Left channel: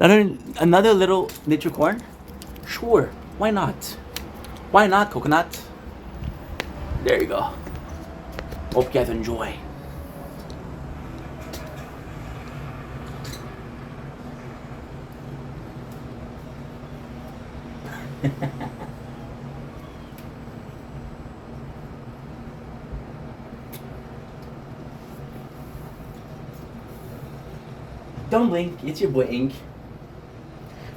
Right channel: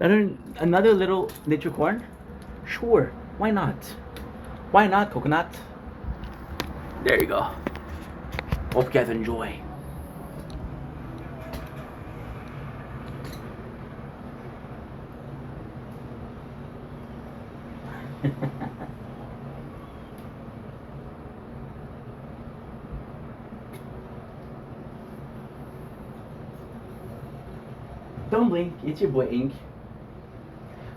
Another little nature corn? Sure, why not? Why not, coconut? There you go. Hope you guys enjoy. Don't blink, it's your boy Ink.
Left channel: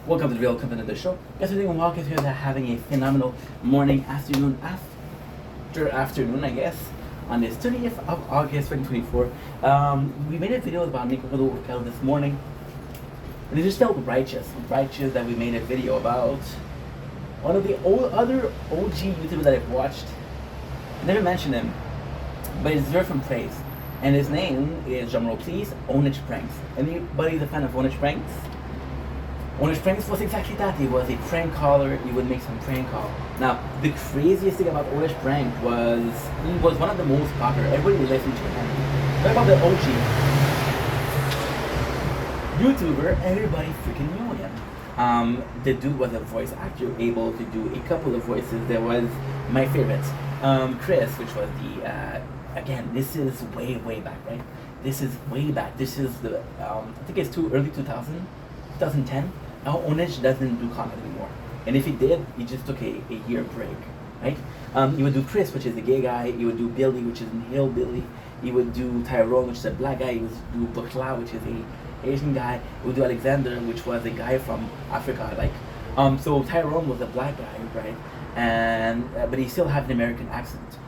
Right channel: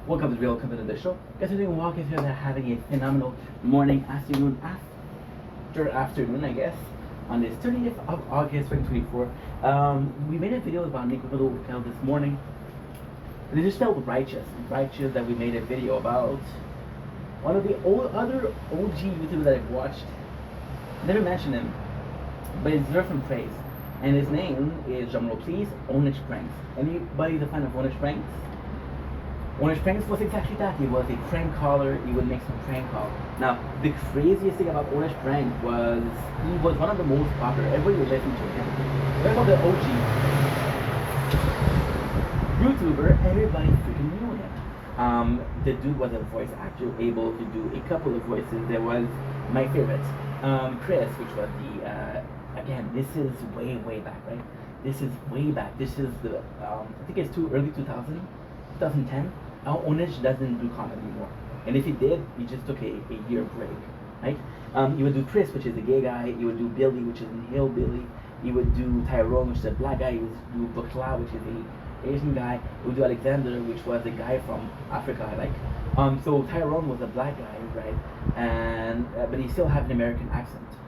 Welcome to the Real Company of the show. Guys, we're doing walk here. They're having a phenomenal morning, afternoon, I guess, on this 30th of August 2024. We made a video about Nico Hotel this morning. And it just felt righteous that we made a video about one of the other OG YouTubers that I've watched. I never mentioned him, but it's deserved from praise. And his name is, drumroll please, Onich Pranks. Anybody a fan of Onich Pranks? Onich Pranks was exactly that. He was a prank caller. He would make some prank call. Now, the craziest thing about Onich Prank was he was one of the most popular. Everybody listened to him. What about the OG YouTuber? Everybody freaking knew him. The dude was a voice actor, able to do a couple of voices. There was my favorite, Chris, which was the again, this is way back, right? This is way back. This is the I think it's early 2010. Now Onich doesn't do comedy anymore, and if he did, he just took a year break, right? He would do Chris, which is the gay guy. He would do Billy, which is an hillbilly. He would do Tyrone, which is a black guy. He would do Bukla, which is a Asian guy. He would do Alexander, which was a guy from Africa, like. So Tyrone was a black guy, right? And but he still had an American accent.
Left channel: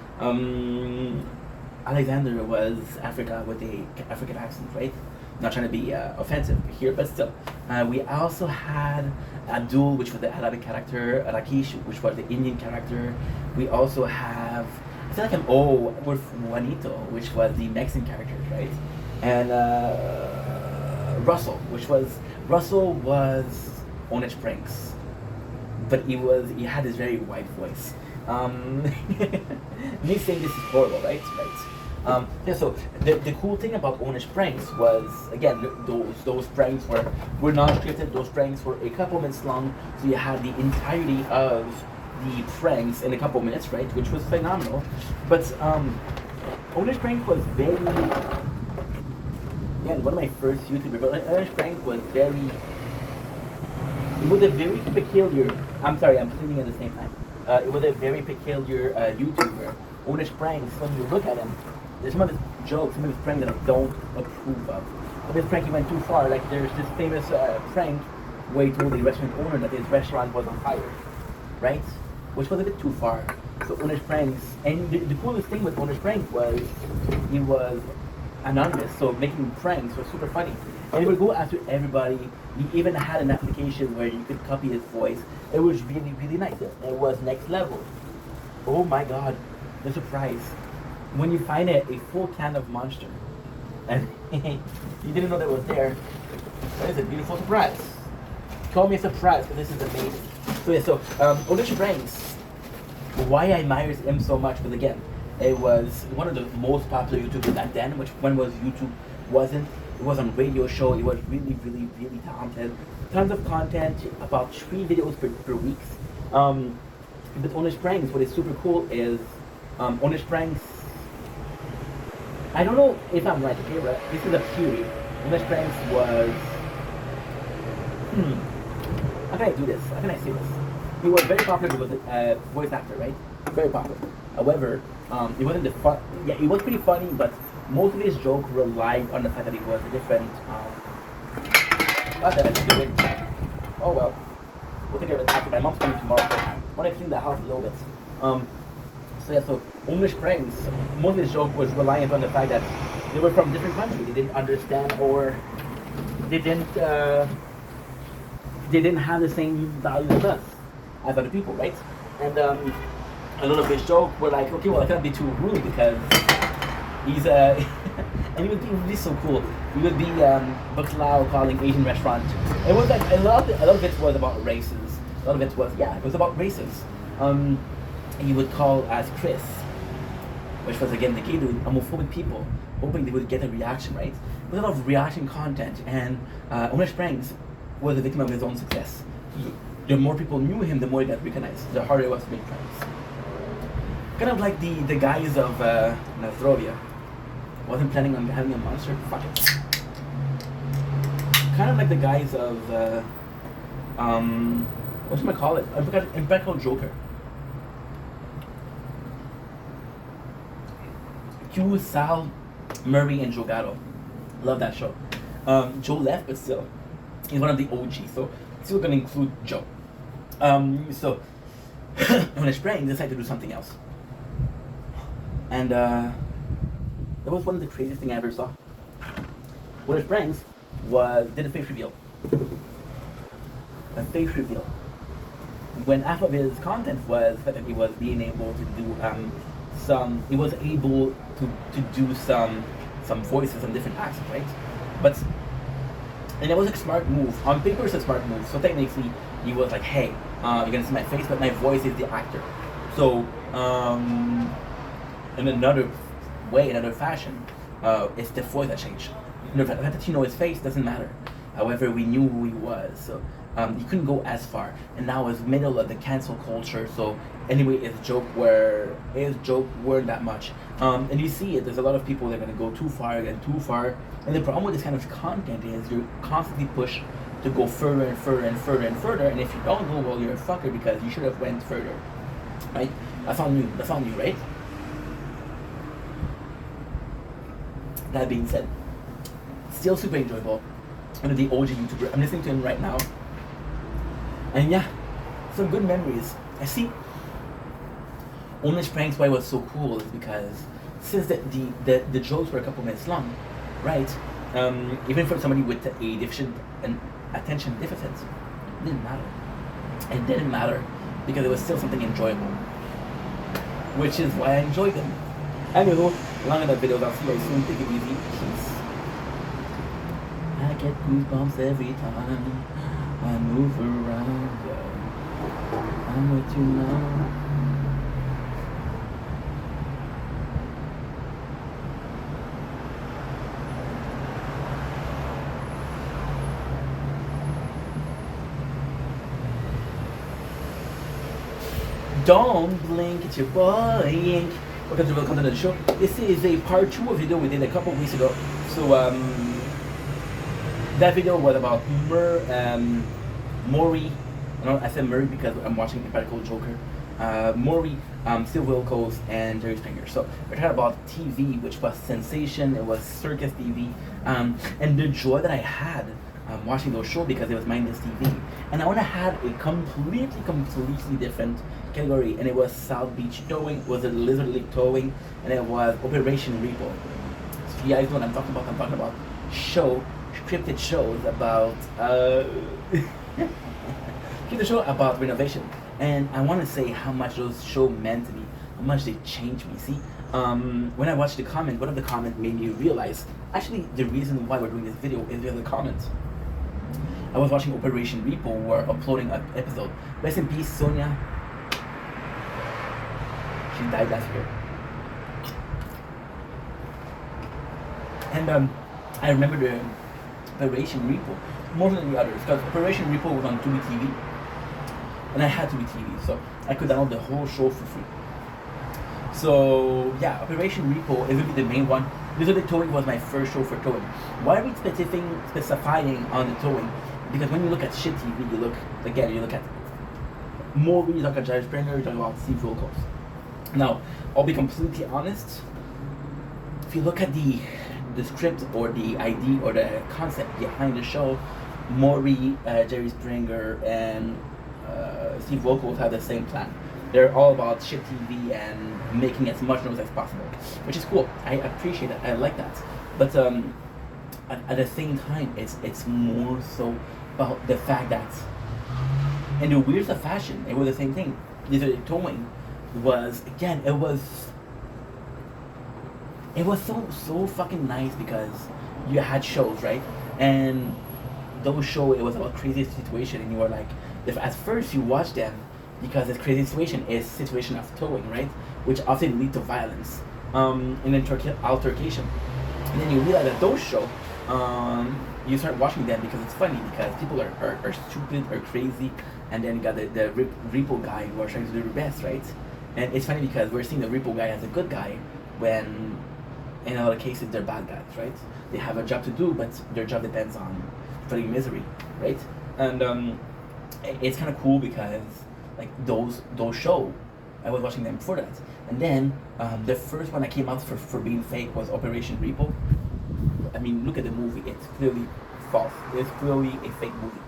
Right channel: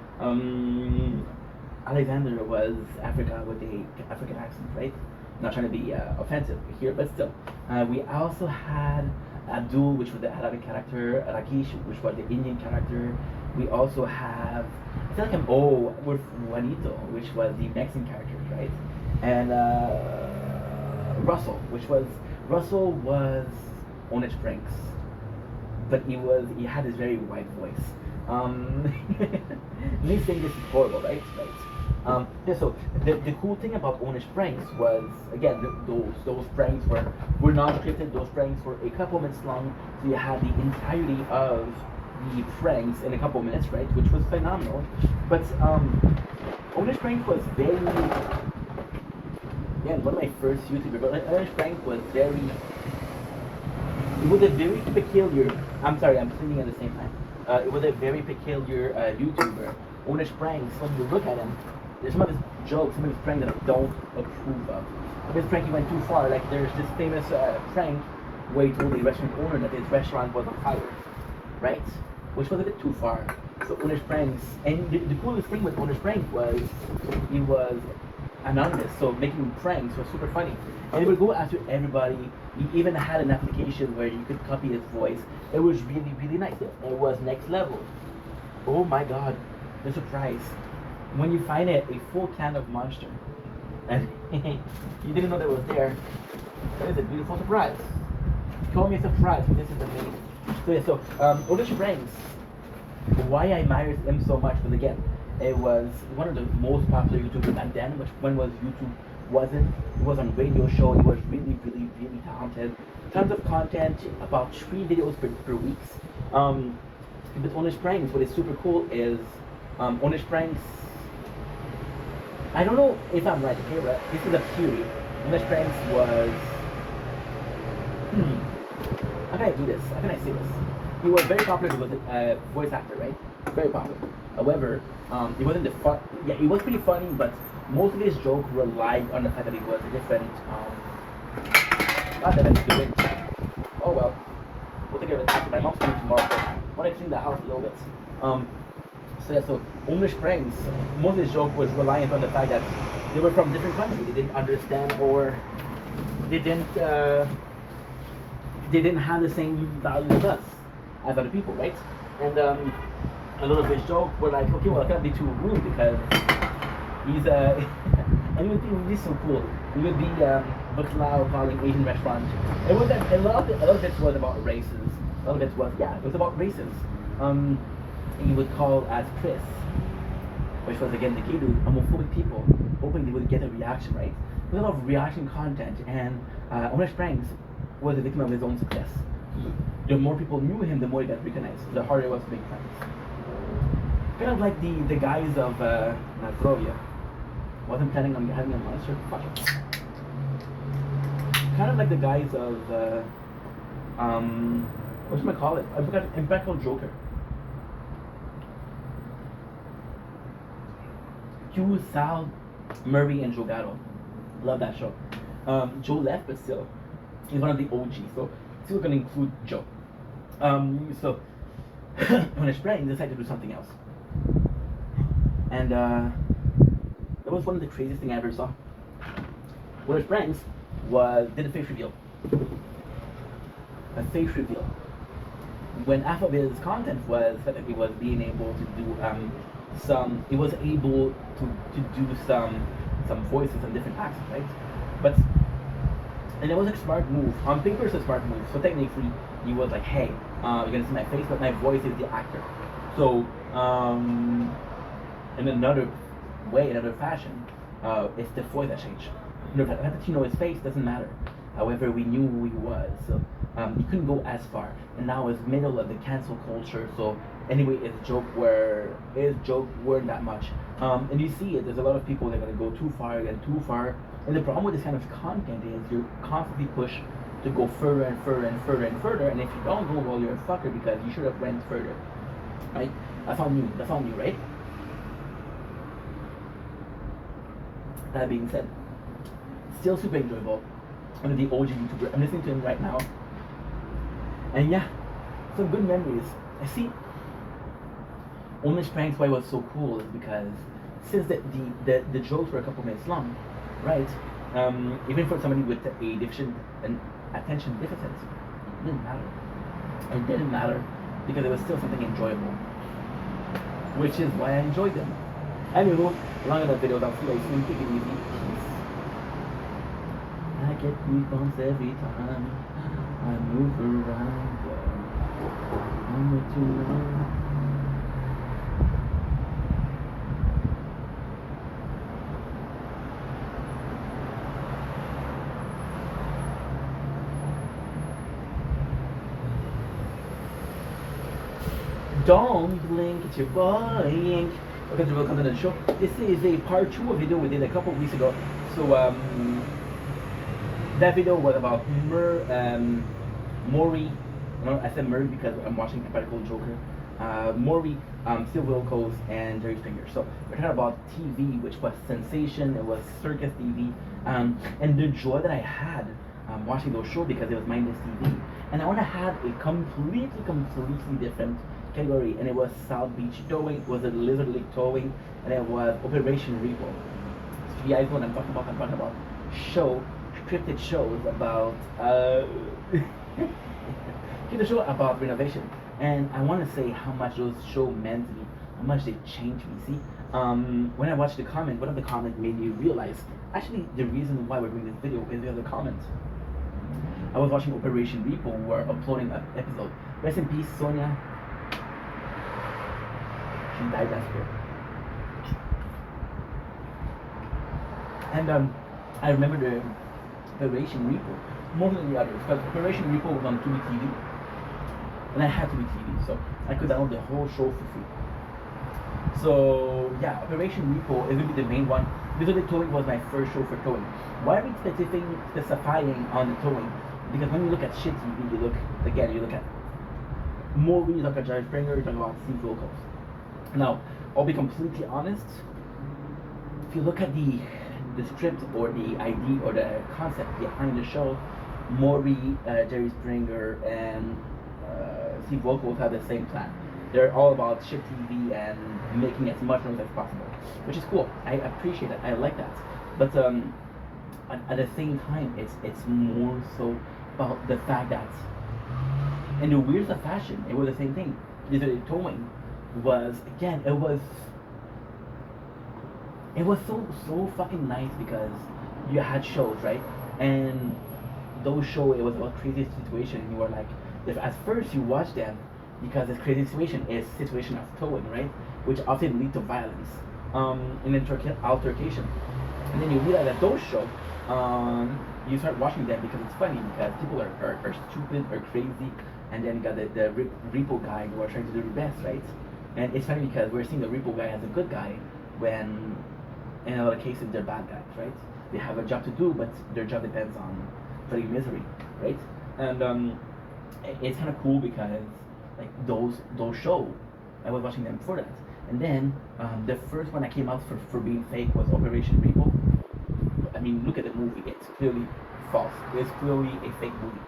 Alexander was Africa with a African accent, right? Not trying to be offensive here, but still. We also had Abdul, which was the Arabic character, Rakesh, which was the Indian character. We also have, I feel like I'm with Juanito, which was the Mexican character, right? And Russell was Onich Pranks, but he had this very white voice. Me saying this is horrible, right? Yeah, so the cool thing about Onich Pranks was, again, those pranks were not scripted. Those pranks were a couple minutes long, so you had the entirety of the pranks in a couple minutes, right? Which was phenomenal. But Onich Pranks was very, again, one of my first YouTubers. Onich Pranks was very, it was a very peculiar. I'm sorry, I'm singing at the same time. It was a very peculiar YouTuber. Onich Pranks, when you look at him, there's some of his jokes, some of his pranks that I don't approve of. This prank he went too far. Like there's this famous prank where he told the restaurant owner that his restaurant was on fire, right? Which was a bit too far. So Onich Pranks, and the coolest thing with Onich Pranks was he was anonymous, so making pranks was super funny. And he would go after everybody. He even had an application where you could copy his voice. It was really nice. It was next level. Oh my god, the surprise. When you find it, a full can of Monster, and you didn't know that it was there. That is a beautiful surprise. Call me a surprise, but this is amazing. So yeah, so Onich Pranks, why I admire him so much, because again, it was one of the most popular YouTubers back then, which when was YouTube wasn't. It was on radio show. He was really talented. Tons of content, about 3 videos per week. But Onich Pranks, what is super cool is Onich Pranks. I don't know if I'm right, okay, but this is a theory. Onich Pranks was. How can I do this? How can I say this? He was very popular. He was a voice actor, right? Very popular. However, it wasn't the fun. Yeah, it was pretty funny, but most of his jokes relied on the fact that he was a different. Not that I'm doing. Oh well. We'll take care of it after. My mom's coming tomorrow, so I want to clean the house a little bit. So yeah, so Onich Pranks, most of his joke was reliant on the fact that they were from different countries. They didn't understand, or they didn't have the same values as us, as other people, right? And a lot of his jokes were like, okay, well, I can't be too rude because he's and he would be so cool. He would be Bukla calling Asian restaurant. It was like a lot of it was about races. A lot of it was about races. He would call as Chris, which was again the key to homophobic people, hoping they would get a reaction, right? There's a lot of reaction content, and Onich Pranks was a victim of his own success. The more people knew him, the more he got recognized. The harder it was to make friends. Kind of like the guys of Nostrovia. Wasn't planning on having a monster. Fuck it. Kind of like the guys of what should I call it? I forgot. Impeccable Joker. Q, Sal, Murray, and Joe Gatto. Love that show. Joe left, but still, he's one of the OGs. So still gonna include Joe. So when I sprang, decided to do something else, and that was one of the craziest things I ever saw. When I sprang, did a face reveal. A face reveal. When half of his content was that he was being able to do he was able to do some voices and different accents, right? But and it was a smart move. On paper, it's a smart move. So technically, he was like, "Hey, you're gonna see my face, but my voice is the actor." So in another way, another fashion, it's the voice that changed. The fact that you know his face doesn't matter. However, we knew who he was, so he couldn't go as far. And now it's middle of the cancel culture, so anyway, his joke weren't that much. And you see it, there's a lot of people that are gonna go too far and too far. And the problem with this kind of content is you're constantly pushed to go further and further and further and further. And if you don't go, well, you're a fucker because you should have went further, right? That's on you. That's on you, right? That being said, still super enjoyable. One of the OG YouTuber. I'm listening to him right now, and yeah, some good memories. I see. Only Pranks why it was so cool is because since the jokes were a couple minutes long, right? Even for somebody with a deficient and attention deficit, it didn't matter. It didn't matter because it was still something enjoyable, which is why I enjoyed them. Anyway, long enough videos. I'll see you guys soon. Take it easy. Peace. I get goosebumps every time I move around. Yeah. I'm what you know. Don't blink, it's your boy Ink. Welcome to welcome to the show. This is a part 2 of a video we did a couple of weeks ago. So that video was about Maury. I said Murray because I'm watching Impeccable Joker. Maury, Steve Wilkos, and Jerry Springer. So we're talking about TV, which was sensation. It was circus TV, and the joy that I had watching those shows because it was mindless TV. And I want to have a completely different category, and it was South Beach Towing, it was a Lizard Lake Towing, and it was Operation Repo. So if you guys know what I'm talking about scripted shows about scripted show about renovation. And I want to say how much those shows meant to me, how much they changed me. See, when I watched the comment, one of the comments made me realize actually the reason why we're doing this video is the other comments. I was watching Operation Repo, we're uploading an episode. Rest in peace, Sonia. She died last year. And I remember the Operation Repo more than the others because Operation Repo was on Tubi TV, and I had Tubi TV, so I could download the whole show for free. So yeah, Operation Repo is gonna be the main one. Lizard Lake Towing was my first show for towing. Why are we specifying on the towing? Because when you look at shit TV, you look at Maury, you look at Jerry Springer, you talk about Steve Wilkos. Now, I'll be completely honest. If you look at the script or the idea or the concept behind the show, Maury, Jerry Springer, and Steve Wilkos have the same plan. They're all about shit TV and making as much noise as possible, which is cool. I appreciate that. I like that. But at the same time, it's more so about the fact that, in the weirdest of fashion, it was the same thing. The towing was, again, it was so fucking nice because you had shows, right? And those shows, it was about crazy situation, and you were like, if at first you watch them because this crazy situation is situation of towing, right? Which often lead to violence, and then altercation. And then you realize that those shows, you start watching them because it's funny, because people are stupid or crazy, and then you got the repo guy who are trying to do their best, right? And it's funny because we're seeing the repo guy as a good guy when in a lot of cases they're bad guys, right? They have a job to do, but their job depends on spreading misery, right? And it's kind of cool because like those show, I was watching them before that, and then the first one that came out for being fake was Operation Repo. I mean, look at the movie; it's clearly false. It's clearly a fake movie.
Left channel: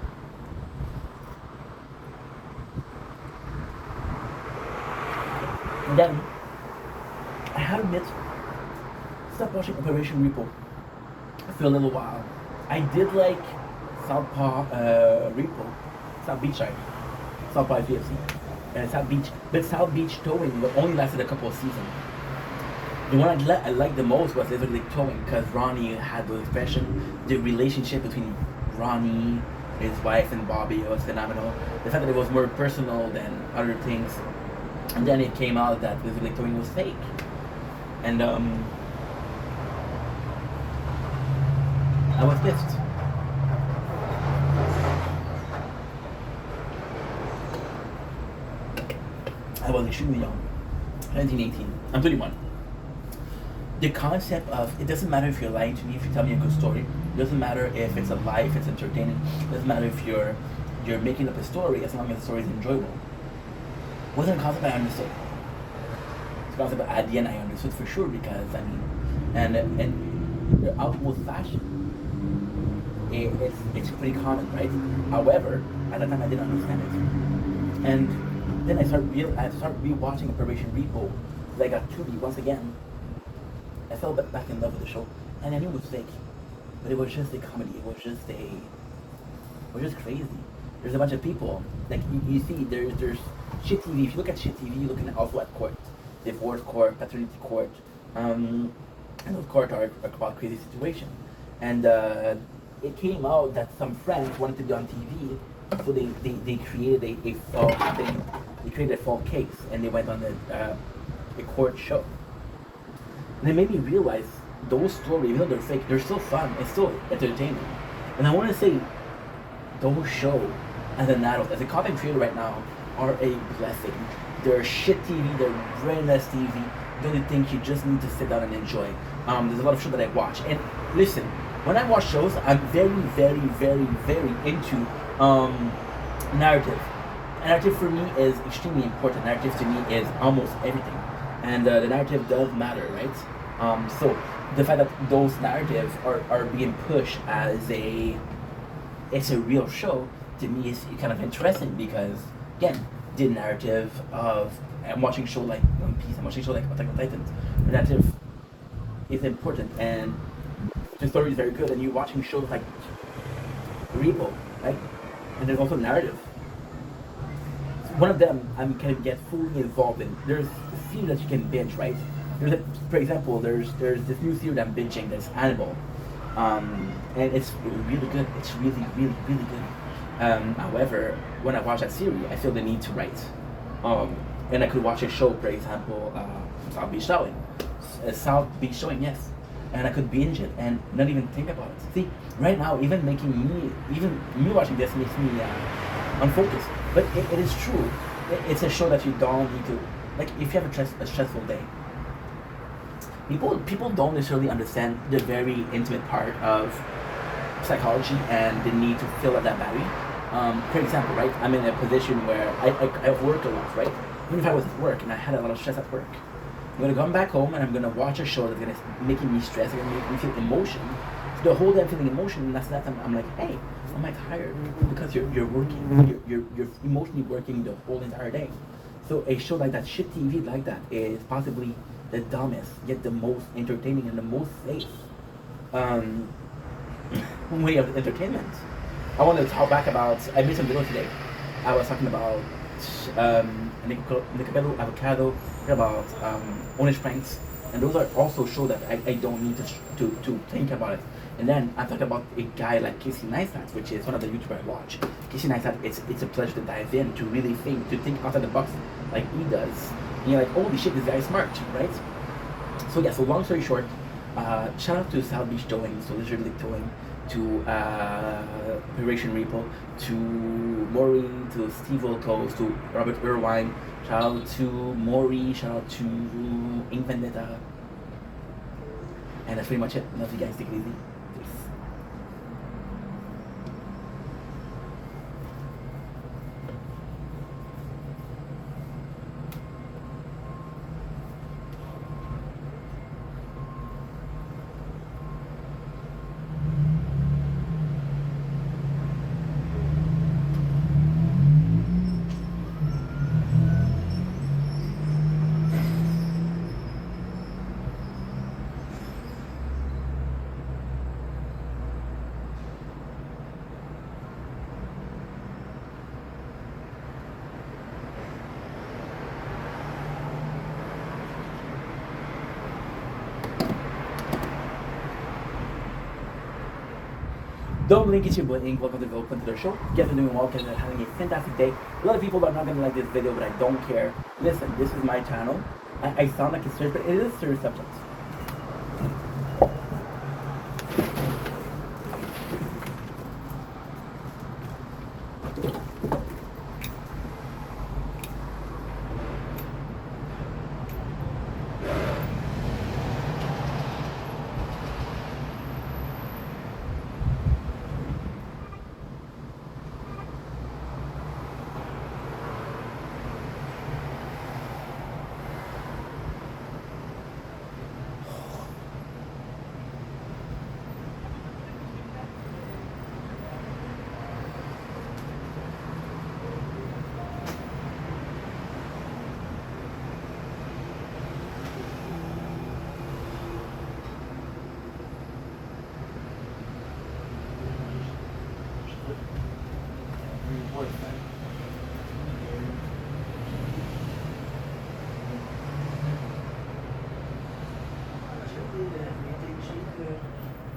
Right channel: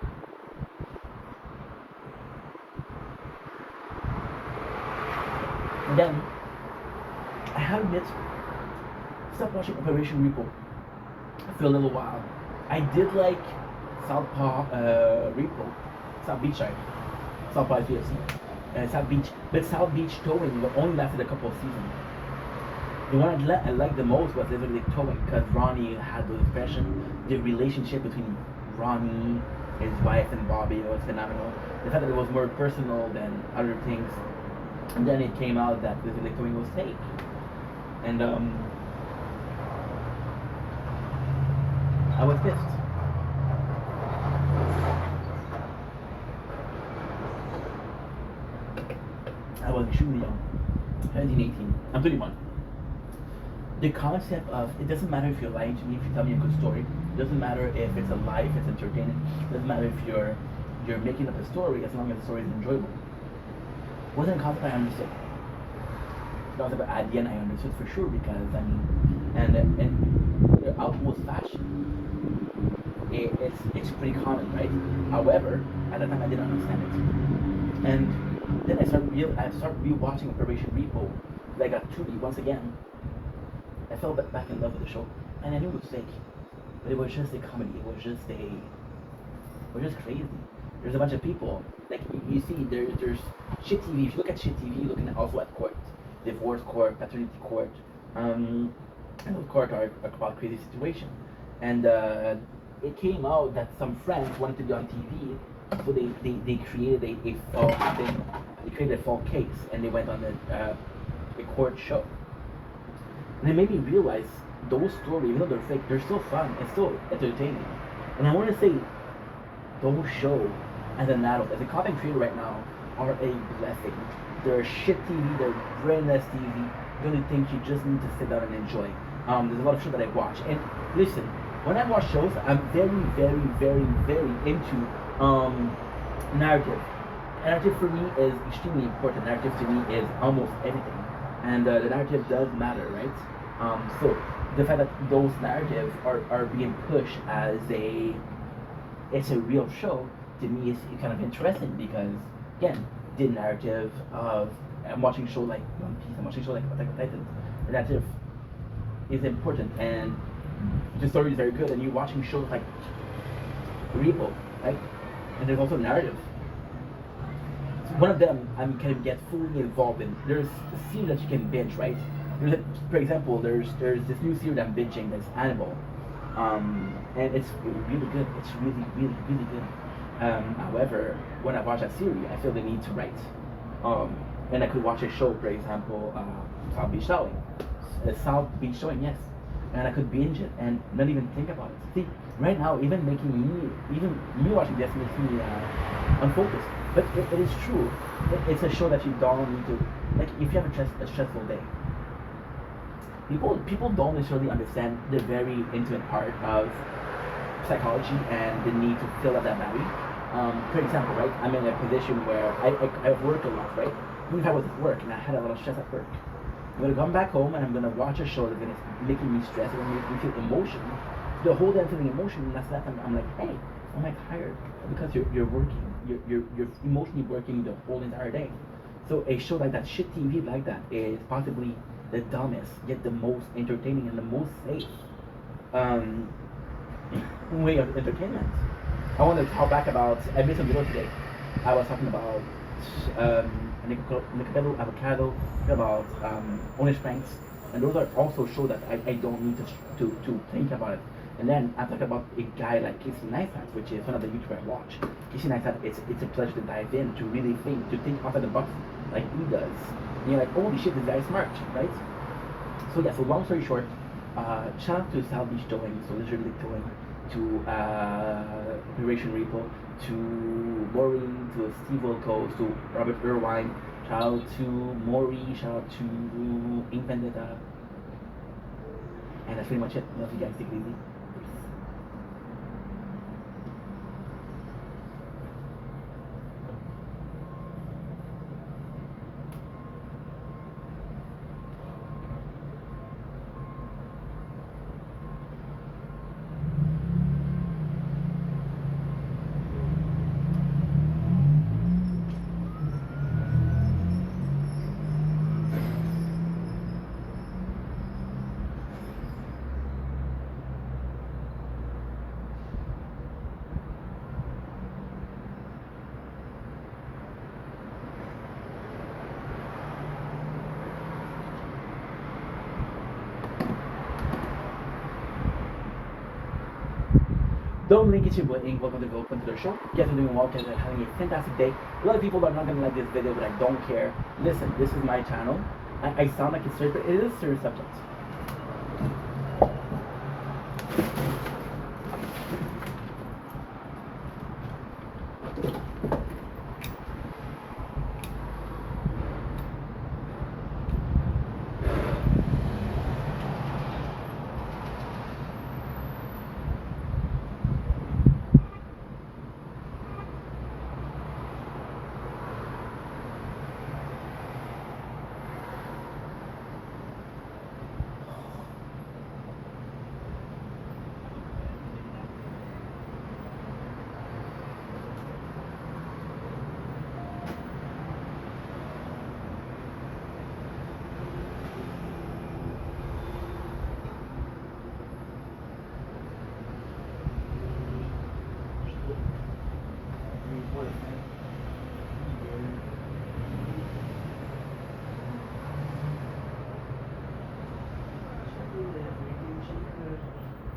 And then I have to admit, stop watching Operation Repo for a little while. I did like Southpaw Repo, South Beach, sorry, Southpaw UFC, South Beach, but South Beach Towing only lasted a couple of seasons. The one I liked the most was literally Towing, because Ronnie had the expression, the relationship between Ronnie, his wife, and Bobby was phenomenal. The fact that it was more personal than other things, and then it came out that literally Towing was fake, and I was pissed. I was extremely young, 17, 18. I'm 31. The concept of, it doesn't matter if you're lying to me, if you tell me a good story. It doesn't matter if it's a lie, if it's entertaining. It doesn't matter if you're making up a story, as long as the story is enjoyable. It wasn't a concept I understood. It's a concept that at the end I understood for sure, because I mean, and the outward fashion, it's pretty common, right? However, at that time I didn't understand it, and then I started rewatching Operation Repo, like at Tubi once again. I fell back in love with the show, and I knew it was fake, but it was just a comedy. It was just crazy. There's a bunch of people, like you see, there's shit TV. If you look at shit TV, you're looking at also at court, divorce court, paternity court, and those courts are about crazy situation. And it came out that some friends wanted to be on TV, so they created a false thing. They created a false case, and they went on a court show. And it made me realize those stories, even though they're fake, they're still fun. It's still entertaining. And I want to say, those shows, as an adult, as a content creator right now, are a blessing. They're shit TV, they're brainless TV. The only thing you just need to sit down and enjoy. There's a lot of shows that I watch. And listen, when I watch shows, I'm very, very, very, very into narrative. Narrative for me is extremely important. Narrative to me is almost everything. And the narrative does matter, right? So the fact that those narratives are being pushed as it's a real show, to me is kind of interesting, because again, the narrative of, I'm watching a show like One Piece, I'm watching a show like Attack on Titan, the narrative is important, and the story is very good, and you're watching shows like Repo, right? And there's also narrative. One of them I'm kind of get fully involved in. There's a series that you can binge, right? For example, there's this new series I'm binging that's Hannibal, and it's really good. It's really, really, really good. However, when I watch that series, I feel the need to write. And I could watch a show, for example, South Beach Showing. South Beach Showing, yes. And I could binge it and not even think about it. See, right now, even me watching this makes me unfocused. But it is true. It's a show that you don't need to, like, if you have a stressful day. People don't necessarily understand the very intimate part of psychology and the need to fill out that battery. For example, right, I'm in a position where I've worked a lot, right? Even if I was at work and I had a lot of stress at work, I'm gonna come back home and I'm gonna watch a show that's gonna making me stress, it's gonna make me feel emotion. So the whole day I'm feeling emotion, and that's that time I'm like, hey, am I tired? Because you're working, you're emotionally working the whole entire day. So a show like that, shit TV like that, is possibly the dumbest, yet the most entertaining and the most safe way of entertainment. I want to talk back about, I made some videos today. I was talking about avocado, about Honest Pranks, and those are also shows that I don't need to think about it. And then I talk about a guy like Casey Neistat, which is one of the YouTubers I watch. Casey Neistat, it's a pleasure to dive in, to really think outside the box like he does. And you're like, holy shit, this guy's smart, right? So yeah, so long story short, shout out to South Beach Towing, so literally towing. to Operation Repo, to Maureen, to Steve Wilkos, to Robert Irvine. Shout out to Maury, shout out to Ink Vendetta. And that's pretty much it. Love you guys. Take it easy. Peace. Don't link it, your boy Ink. Welcome to the show. You guys are doing well, guys are having a fantastic day. A lot of people are not gonna like this video, but I don't care. Listen, this is my channel. I sound like a serious, but it is a serious subject.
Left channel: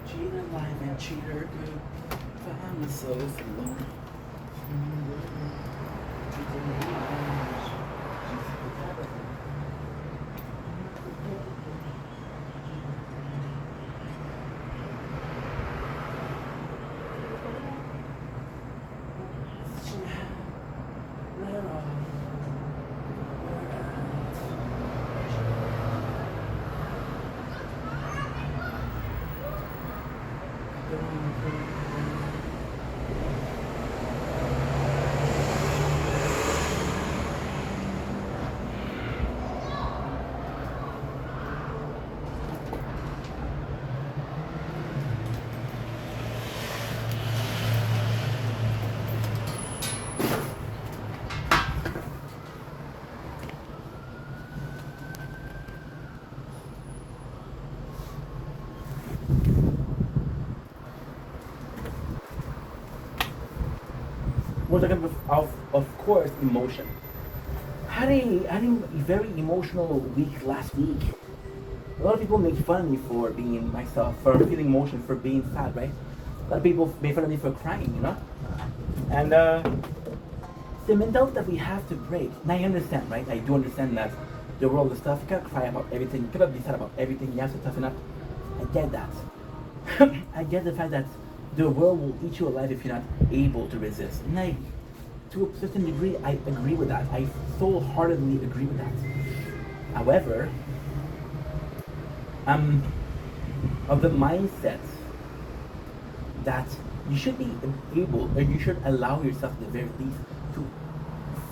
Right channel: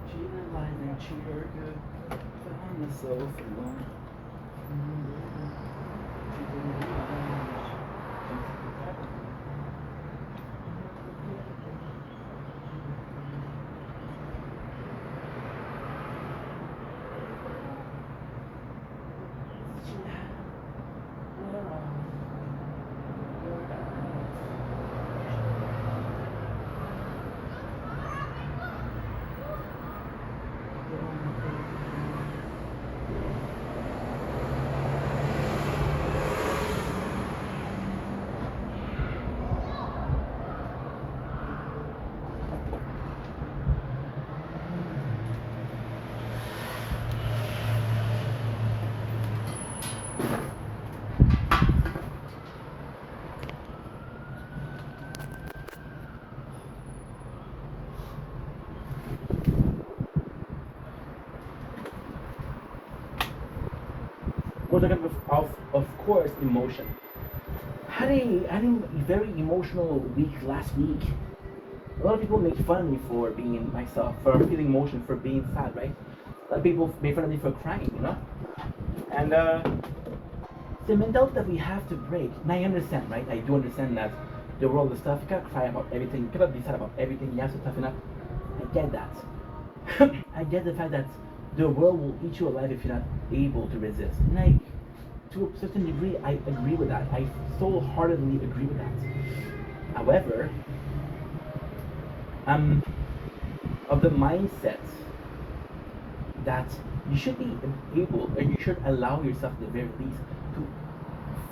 Cheating life and treat her good. Found myself alone. We're talking of course, emotion. Having a very emotional week last week. A lot of people make fun of me for being myself, for feeling emotion, for being sad, right? A lot of people make fun of me for crying, you know? And the mentality that we have to break, and I understand, right? I do understand that the world is tough. You can't cry about everything, you cannot be sad about everything, you have to toughen up. I get that. I get the fact that the world will eat you alive if you're not able to resist. And to a certain degree, I agree with that. I so heartedly agree with that. However, I'm of the mindset that you should be able, or you should allow yourself at the very least to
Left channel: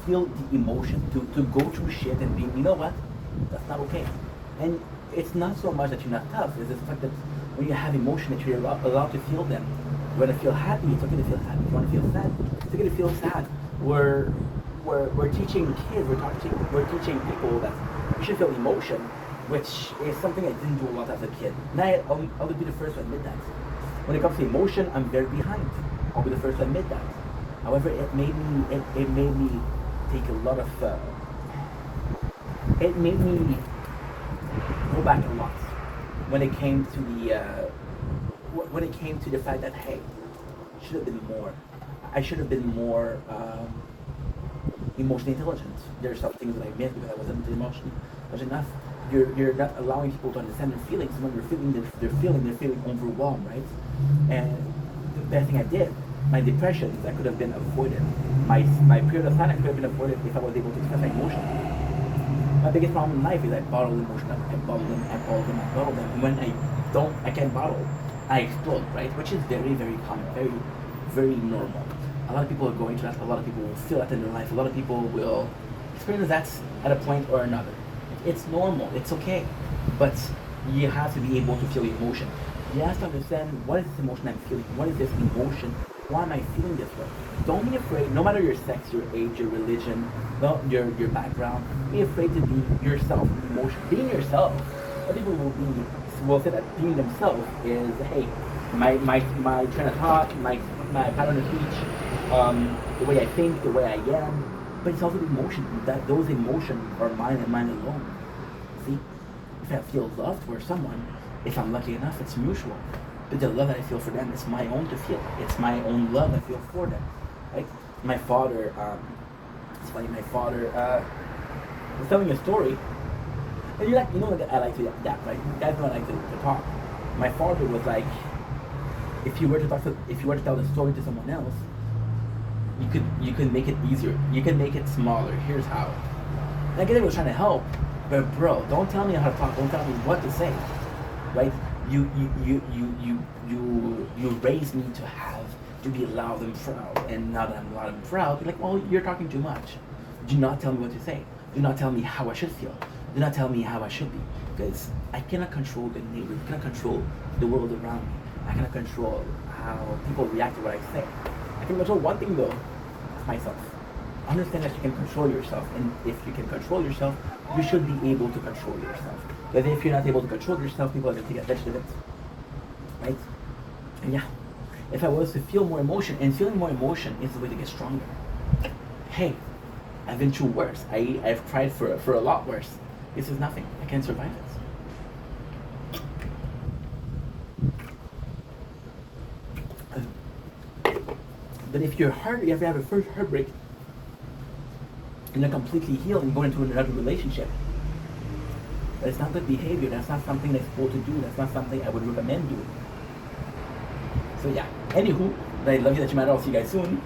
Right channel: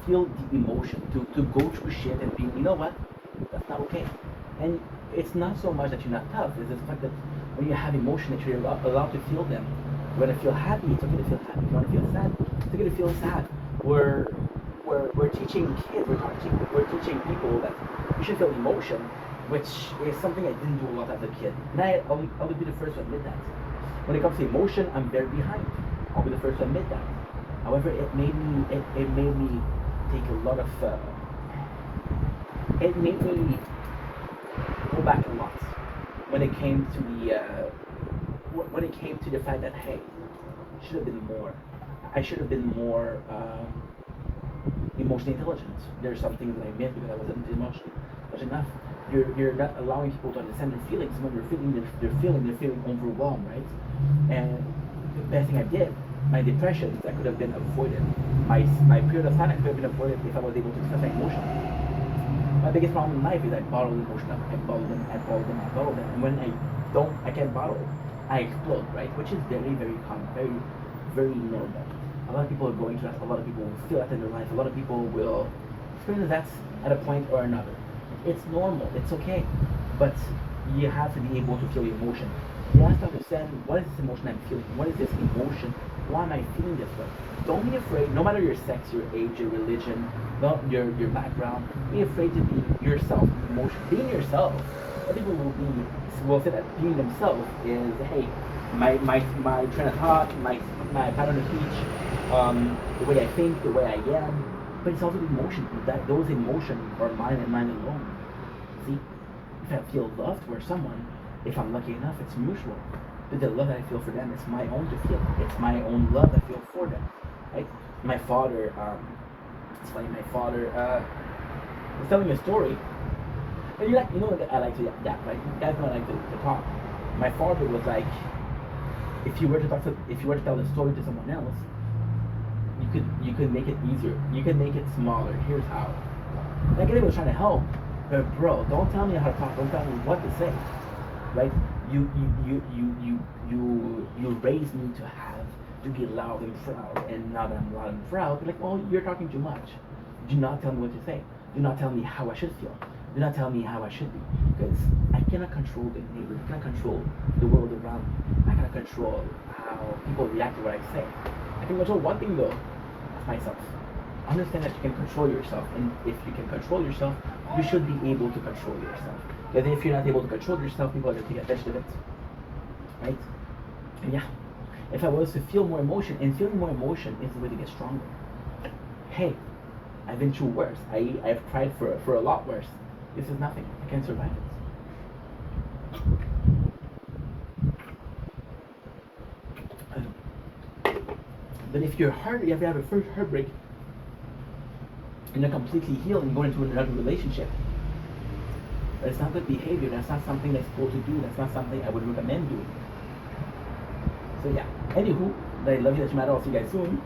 feel the emotion, to go through shit and be, you know what, that's not okay. And it's not so much that you're not tough, it's the fact that when you have emotion that you're allowed to feel them. You want to feel happy, it's okay to feel happy. If you want to feel sad, it's okay to feel sad. We're teaching kids, we're teaching people that you should feel emotion, which is something I didn't do a lot as a kid. And I'll be the first to admit that. When it comes to emotion, I'm very behind. I'll be the first to admit that. However, it made me take a lot of it made me go back a lot when it came to the fact that, hey, should have been more. I should have been more emotionally intelligent. There's some things that I missed because I wasn't emotionally enough. You're not allowing people to understand their feelings. When they're feeling overwhelmed, right? And best thing I did. My depressions that could have been avoided. My period of sadness could have been avoided if I was able to express my emotion. My biggest problem in life is I bottle emotion up. I bottle them, I bottle them, I bottle them. And when I can't bottle, I explode, right? Which is very, very common, very, very normal. A lot of people are going through that. A lot of people will feel that in their life. A lot of people will experience that at a point or another. It's normal. It's okay. But you have to be able to feel emotion. You have to understand, what is this emotion I'm feeling? What is this emotion? Why am I feeling this way? Don't be afraid, no matter your sex, your age, your religion, your background, be afraid to be yourself, emotion. Being yourself. I think will say that being themselves is, hey, my train of thought, my pattern of speech, the way I think, the way I am. But it's also the emotion, that those emotions are mine and mine alone. See? If I feel love for someone, if I'm lucky enough, it's mutual. But the love that I feel for them, it's my own to feel. It's my own love I feel for them. Like my father, it's funny, my father was telling me a story. And you know that I like to adapt, right? You guys know I like to talk. My father was like, if you were to tell the story to someone else, you could make it easier. You can make it smaller. Here's how. And I guess he was trying to help, but bro, don't tell me how to talk. Don't tell me what to say, right? You raised me to be loud and proud, and now that I'm loud and proud, you're like, well, you're talking too much. Do not tell me what to say. Do not tell me how I should feel. Do not tell me how I should be, because I cannot control the neighbors. I cannot control the world around me. I cannot control how people react to what I say. I can control one thing though, myself. Understand that you can control yourself, and if you can control yourself, you should be able to control yourself. But if you're not able to control yourself, people are going to take advantage of it, right? And yeah, if I was to feel more emotion, and feeling more emotion is the way to get stronger. Hey, I've been through worse. I've tried for a lot worse. This is nothing. I can't survive it. But if you have a first heartbreak, and you're completely healed and going into another relationship, that's not good behavior. That's not something that's supposed to do. That's not something I would recommend doing. So yeah. Anywho, I love you that you matter. I'll see you guys soon.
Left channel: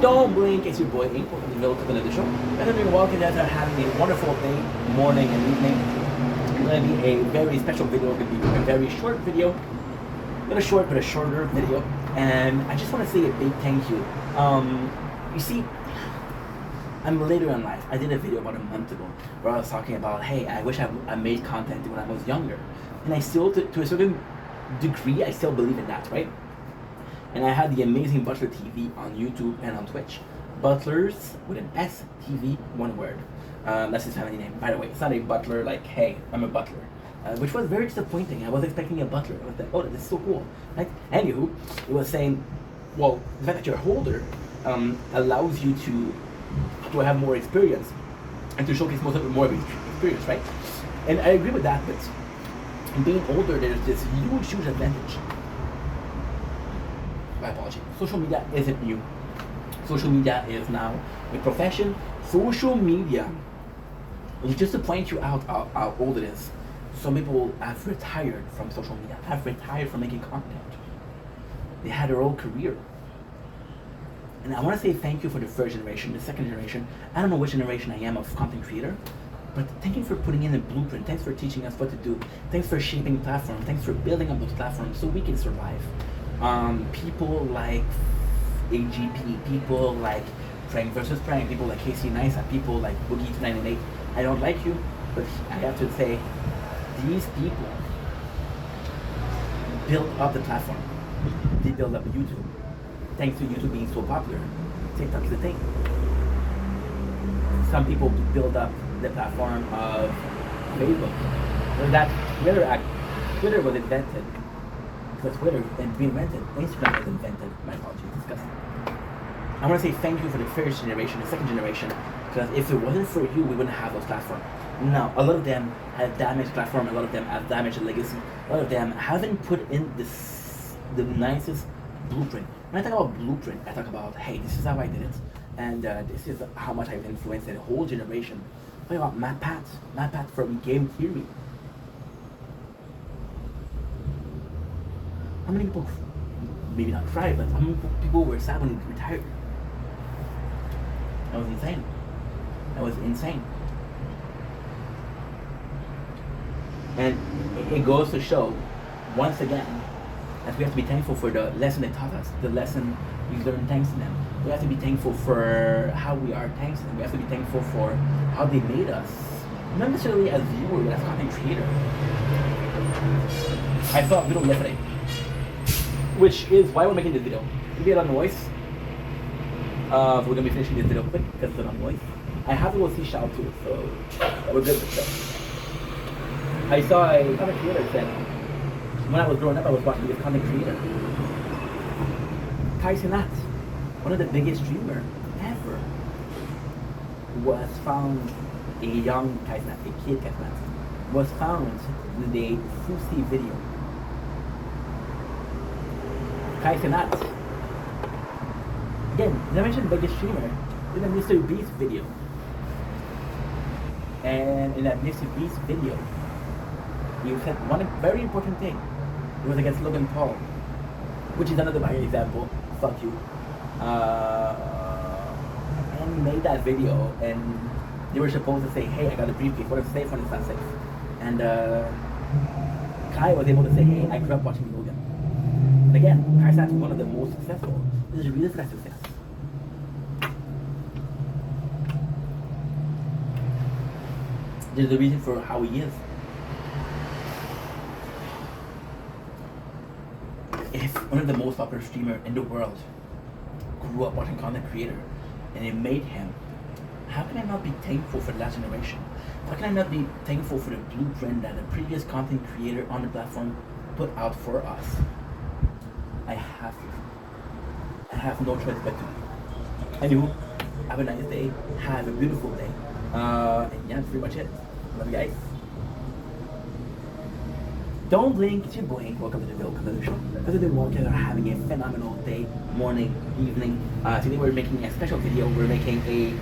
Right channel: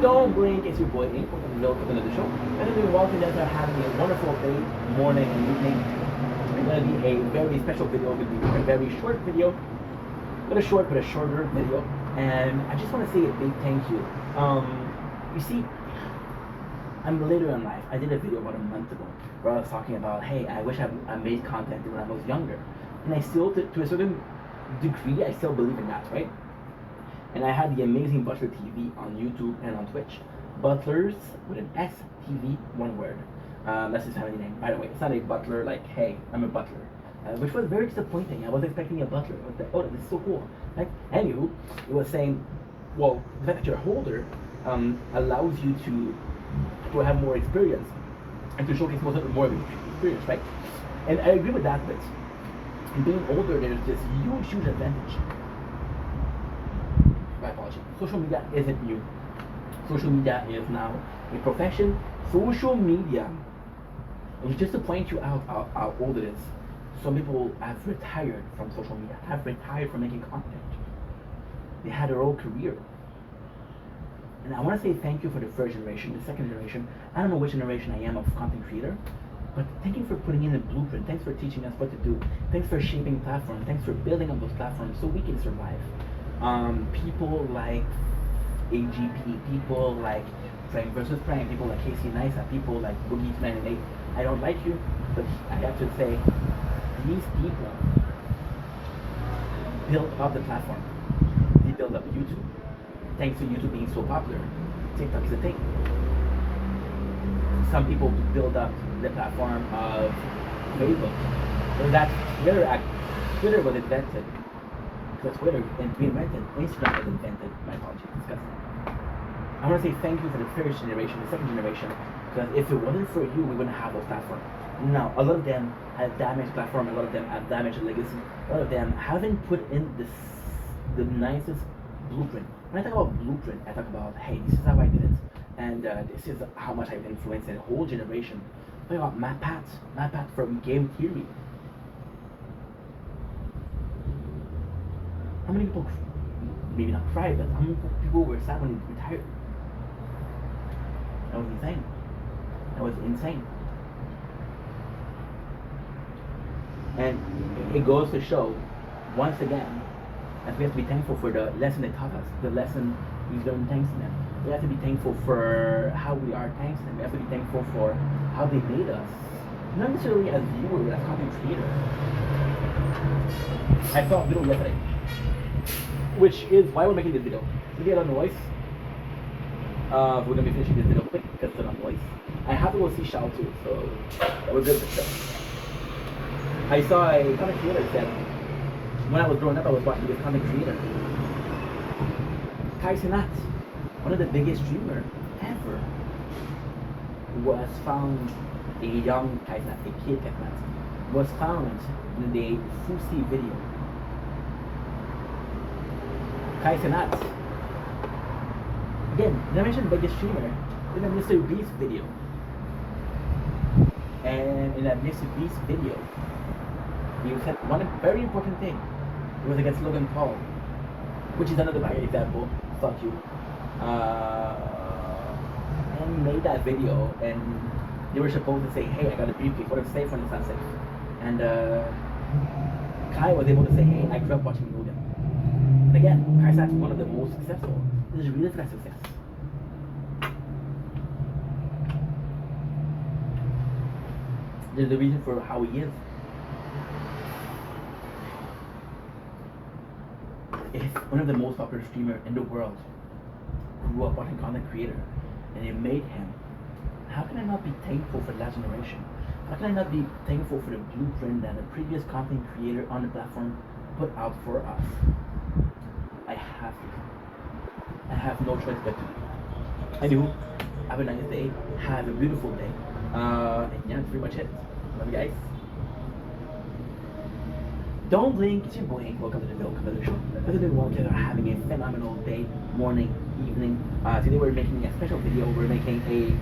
Don't blink, it's your boy Ink. Welcome to another show. And then you're walking out there having a wonderful day, morning and evening. It's going to be a very special video. It's going to be a very short video. Not a short, but a shorter video. And I just want to say a big thank you. You see, I'm later in life. I did a video about a month ago where I was talking about, hey, I wish I made content when I was younger. And I still, to a certain degree, I still believe in that, right? And I had the amazing Butler TV on YouTube and on Twitch. Butlers with an S TV, one word. That's his family name, by the way. It's not a butler like, hey, I'm a butler. Which was very disappointing. I was expecting a butler. I was like, oh, this is so cool. Right? Anywho, it was saying, well, the fact that you're older allows you to have more experience and to showcase more experience, right? And I agree with that, but being older, there's this huge advantage. My apology. Social media isn't new. Social media is now a profession. Social media, just to point you out how old it is, some people have retired from social media, have retired from making content. They had their own career. And I want to say thank you for the first generation, the second generation. I don't know which generation I am of content creator, but thank you for putting in a blueprint. Thanks for teaching us what to do. Thanks for shaping platforms. Thanks for building up those platforms so we can survive. People like AGP, people like Prank versus Prank, people like Casey Neistat, people like Boogie298. I don't like you, but I have to say, these people built up the platform. They built up YouTube. Thanks to YouTube being so popular, TikTok's the thing. Some people build up the platform of Facebook. And that Twitter was invented. Because Twitter and reinvented, Instagram was invented. My apologies, disgusting. I want to say thank you for the first generation, the second generation, because if it wasn't for you, we wouldn't have those platforms. Now, a lot of them have damaged platform, a lot of them have damaged legacy, a lot of them haven't put in the nicest blueprint. When I talk about blueprint, I talk about, hey, this is how I did it, and this is how much I've influenced a whole generation. I'm talking about Matt Pat from Game Theory. How many people, maybe not cried, but how many people were sad when he retired? That was insane. That was insane. And it goes to show, once again, that we have to be thankful for the lesson they taught us, the lesson we learned thanks to them. We have to be thankful for how we are thanks to them. We have to be thankful for how they made us. Not necessarily as viewers, but as content creator. I saw a video yesterday, which is why we're making this video. We get a lot of noise. So we're gonna be finishing this video quick because it's a lot of noise. I have to go see Shao too, so we're good with stuff. I saw a content creator said, when I was growing up, I was watching this content creator. Kai Cenat, one of the biggest streamers ever, was found, a young Kai Cenat, a kid Kai Cenat, was found in the Fusi video. Kai Cenat, again, I mentioned biggest streamer, in a Mr. Beast video. And in that Mr. Beast video, he said one very important thing. It was against Logan Paul, which is another bad example. Fuck you. And he made that video, and they were supposed to say, "Hey, I got a briefcase. What is safe? What is not safe?" And Kai was able to say, "Hey, I grew up watching Logan." And again, Kai Cenat is one of the most successful. This is a real success. There's a reason for how he is. If one of the most popular streamers in the world grew up watching content creator and it made him, how can I not be thankful for the last generation? How can I not be thankful for the blueprint that the previous content creator on the platform put out for us? I have to. I have no choice but to. I do. Have a nice day. Have a beautiful day. And yeah, that's pretty much it. Love you guys. Don't blink, it's your boy. Welcome to the Bill Color Show. Because the Walkers are having a phenomenal day, morning, evening. Today we're making a special video. We're making a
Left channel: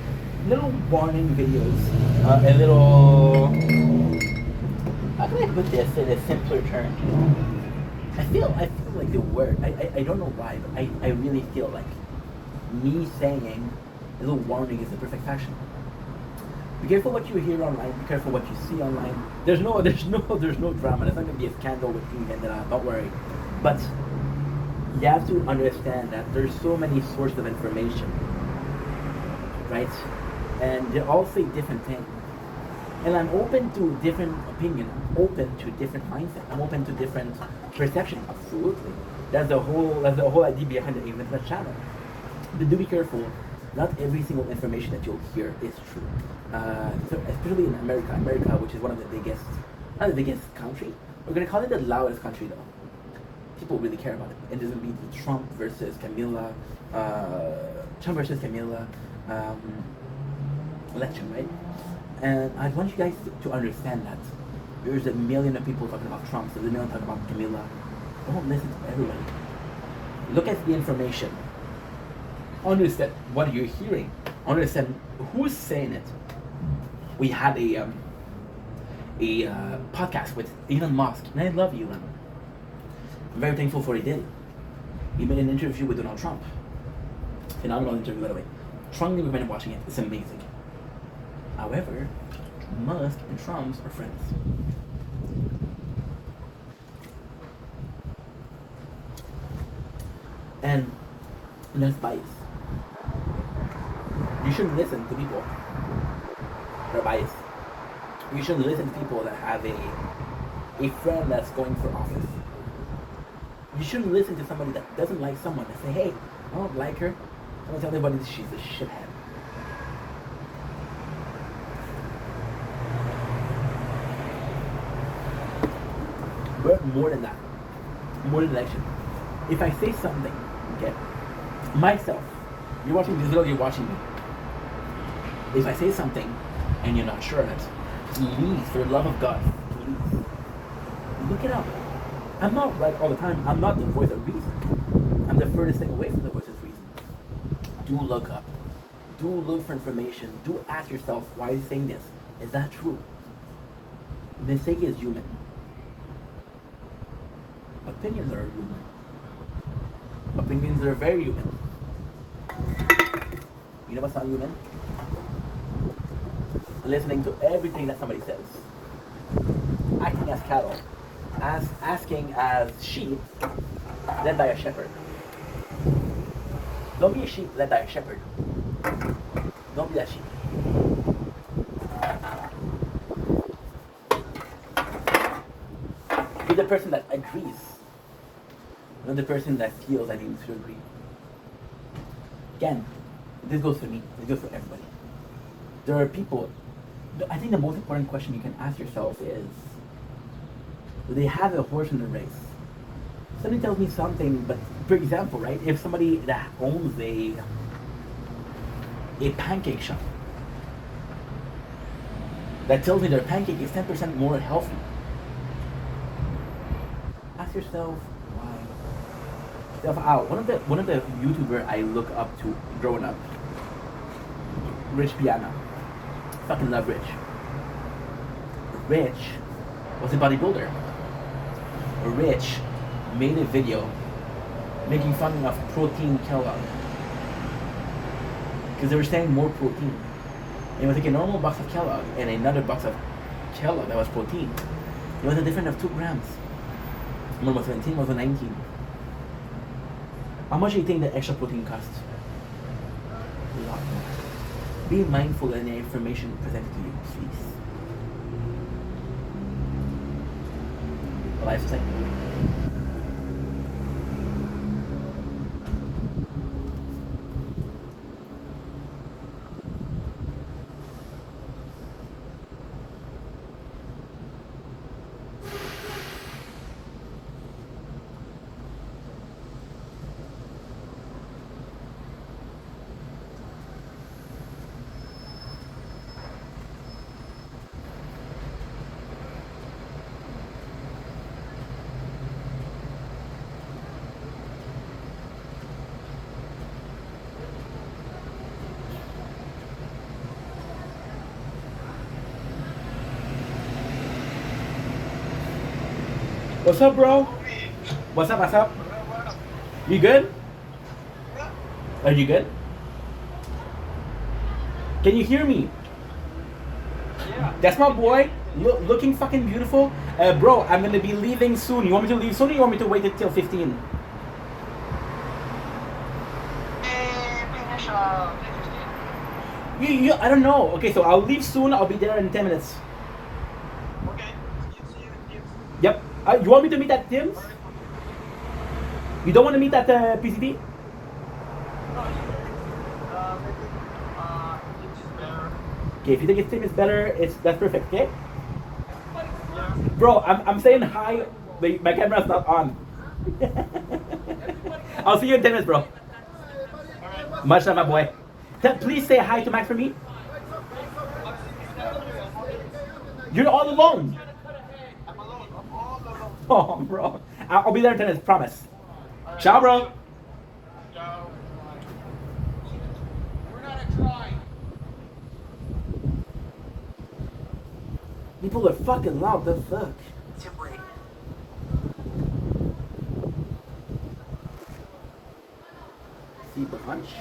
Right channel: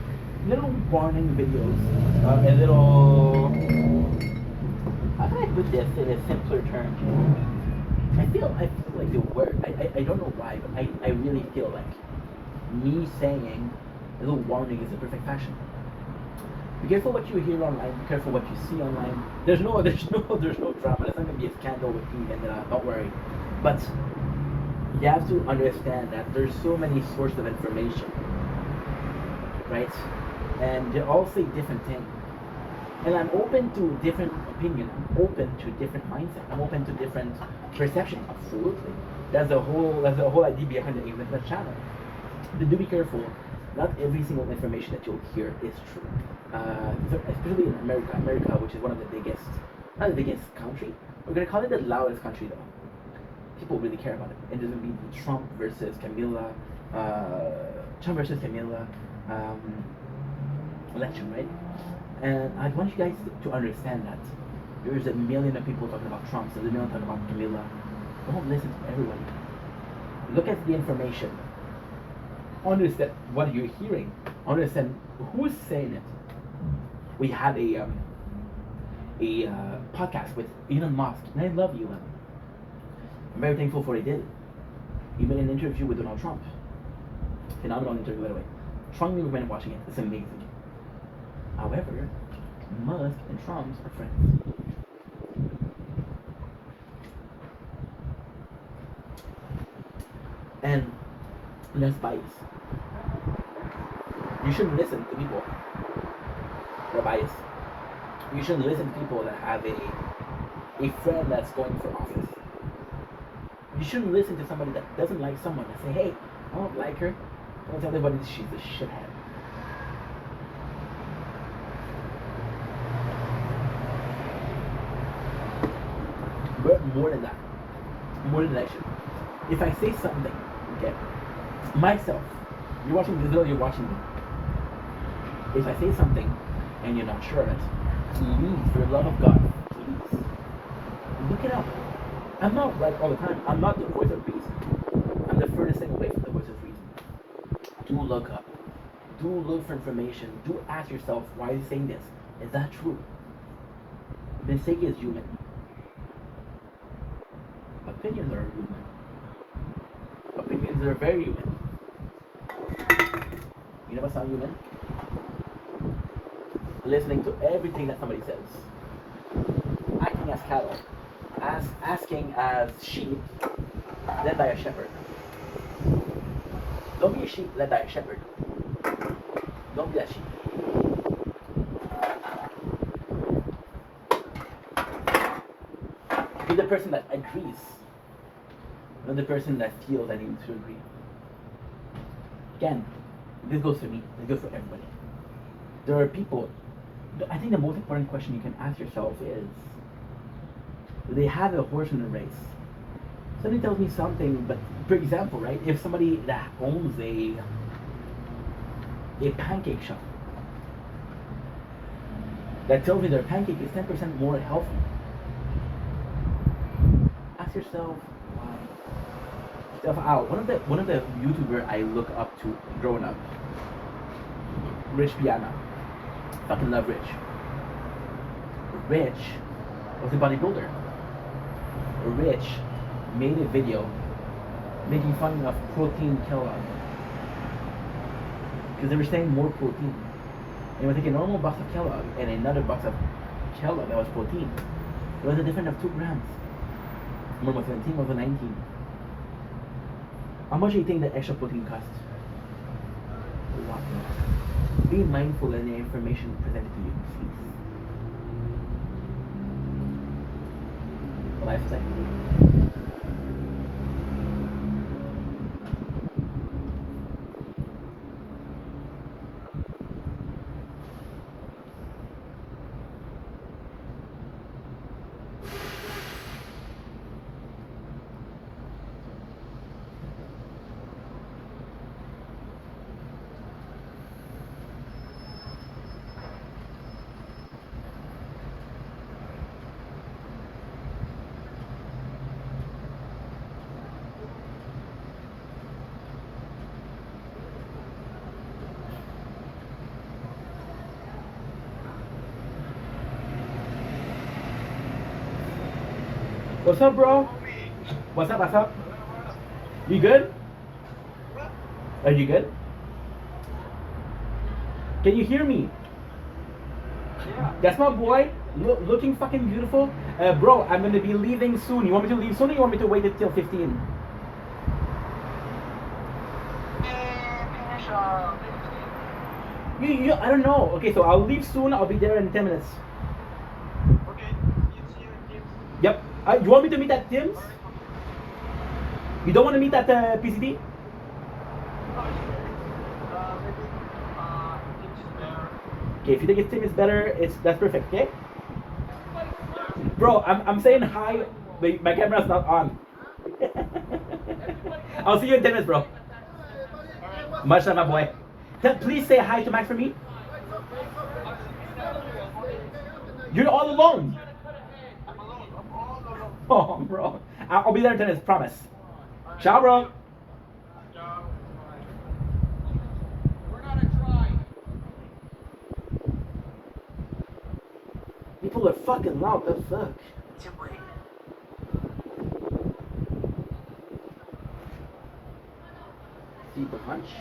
little warning videos. A little. How can I put this in a simpler term? I feel like the word. I don't know why, but I really feel like me saying a little warning is the perfect fashion. Be careful what you hear online. Be careful what you see online. There's no drama. There's not going to be a scandal with King Vendetta. Don't worry. But you have to understand that there's so many sources of information, right? And they all say different things. And I'm open to different opinion. I'm open to different mindset. I'm open to different perception. Absolutely. That's the whole idea behind the Vendetta channel. But do be careful. Not every single information that you'll hear is true. Especially in America, which is one of the biggest, not the biggest country. We're gonna call it the loudest country though. People really care about it. It doesn't be the Trump versus Camilla election, right? And I want you guys to understand that there's a million of people talking about Trump, there's a million talking about Camilla. Don't listen to everybody. Look at the information. Understand what you're hearing. Understand who's saying it. We had a podcast with Elon Musk, and I love Elon. I'm very thankful for what he did. He made an interview with Donald Trump. Phenomenal interview, by the way. Strongly recommend watching it. It's amazing. However, Musk and Trump are friends. And less bias. You shouldn't listen to people that are biased. You shouldn't listen to people that have a friend that's going for office. You shouldn't listen to somebody that doesn't like someone and say, hey, I don't like her. Don't tell everybody that she's a shithead. We're more than that. More than that shit. If I say something, okay, myself, you're watching this video, you're watching me. If I say something and you're not sure of it, please, for the love of God, please, look it up. I'm not right all the time. I'm not the voice of reason. I'm the furthest thing away from the voice of reason. Do look up. Do look for information. Do ask yourself, why is he saying this? Is that true? Mistake is human. Opinions are human. Opinions are very human. You know what's not human? Listening to everything that somebody says. Acting as cattle. Asking as sheep led by a shepherd. Don't be a sheep led by a shepherd. Don't be a sheep. Be the person that agrees, not the person that feels that he needs to agree. Again, this goes for me, it goes for everybody. There are people, I think the most important question you can ask yourself is, do they have a horse in the race? Somebody tells me something, but for example, right, if somebody that owns a pancake shop that tells me their pancake is 10% more healthy, ask yourself why. One of the YouTubers I look up to growing up, Rich Piana. Fucking love Rich. Rich was a bodybuilder. Rich made a video making fun of protein Kellogg because they were saying more protein. And it was like a normal box of Kellogg and another box of Kellogg that was protein. It was a difference of 2 grams. One was 17, one was 19. How much do you think the extra protein costs? A lot more. Be mindful in the information presented to you, please. What I have to say. What's up, bro? What's up? What's up? You good? Are you good? Can you hear me? Yeah. That's my boy. Looking fucking beautiful. Bro, I'm gonna be leaving soon. You want me to leave soon or you want me to wait until 15? Finish 15. I don't know. Okay, so I'll leave soon. I'll be there in 10 minutes. Okay. See you in Tim's. Yep. You want me to meet at Tim's? You don't want to meet at PCT? Maybe Tim's is there. Okay, if you think Tim is better, that's perfect, okay? Yeah. Bro, I'm saying hi. My camera's not on. I'll see you in 10 minutes, bro. Alright. Much love, my boy. Please say hi to Max for me. You're all alone. I'm alone. I'm all alone. Oh, bro. I'll be there in 10 minutes, promise. Ciao, bro. Ciao. We're gonna try. People are fucking loud. The fuck? Si branche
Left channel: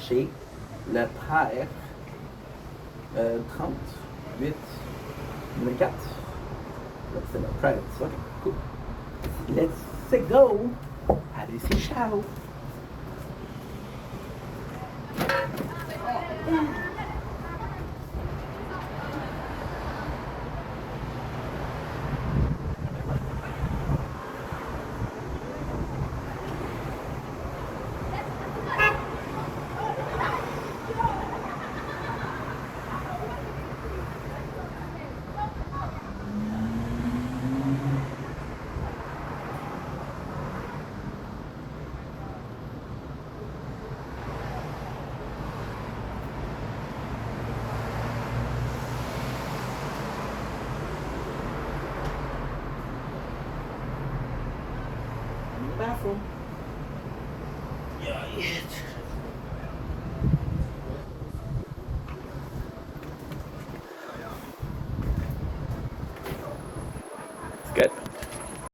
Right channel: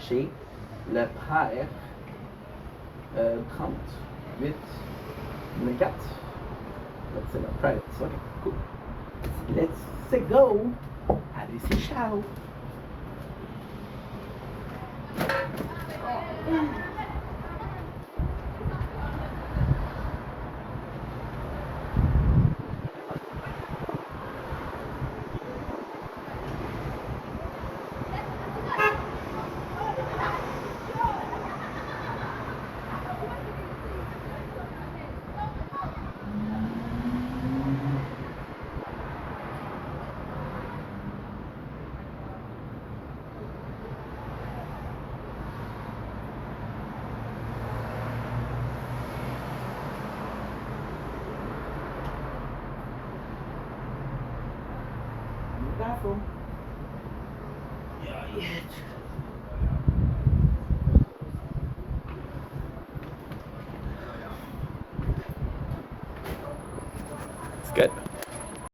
chez le père 38 4. Let's say that private. Okay, cool. Let's go. Allez, c'est ciao. I'm in the bathroom. Yeah, yeah.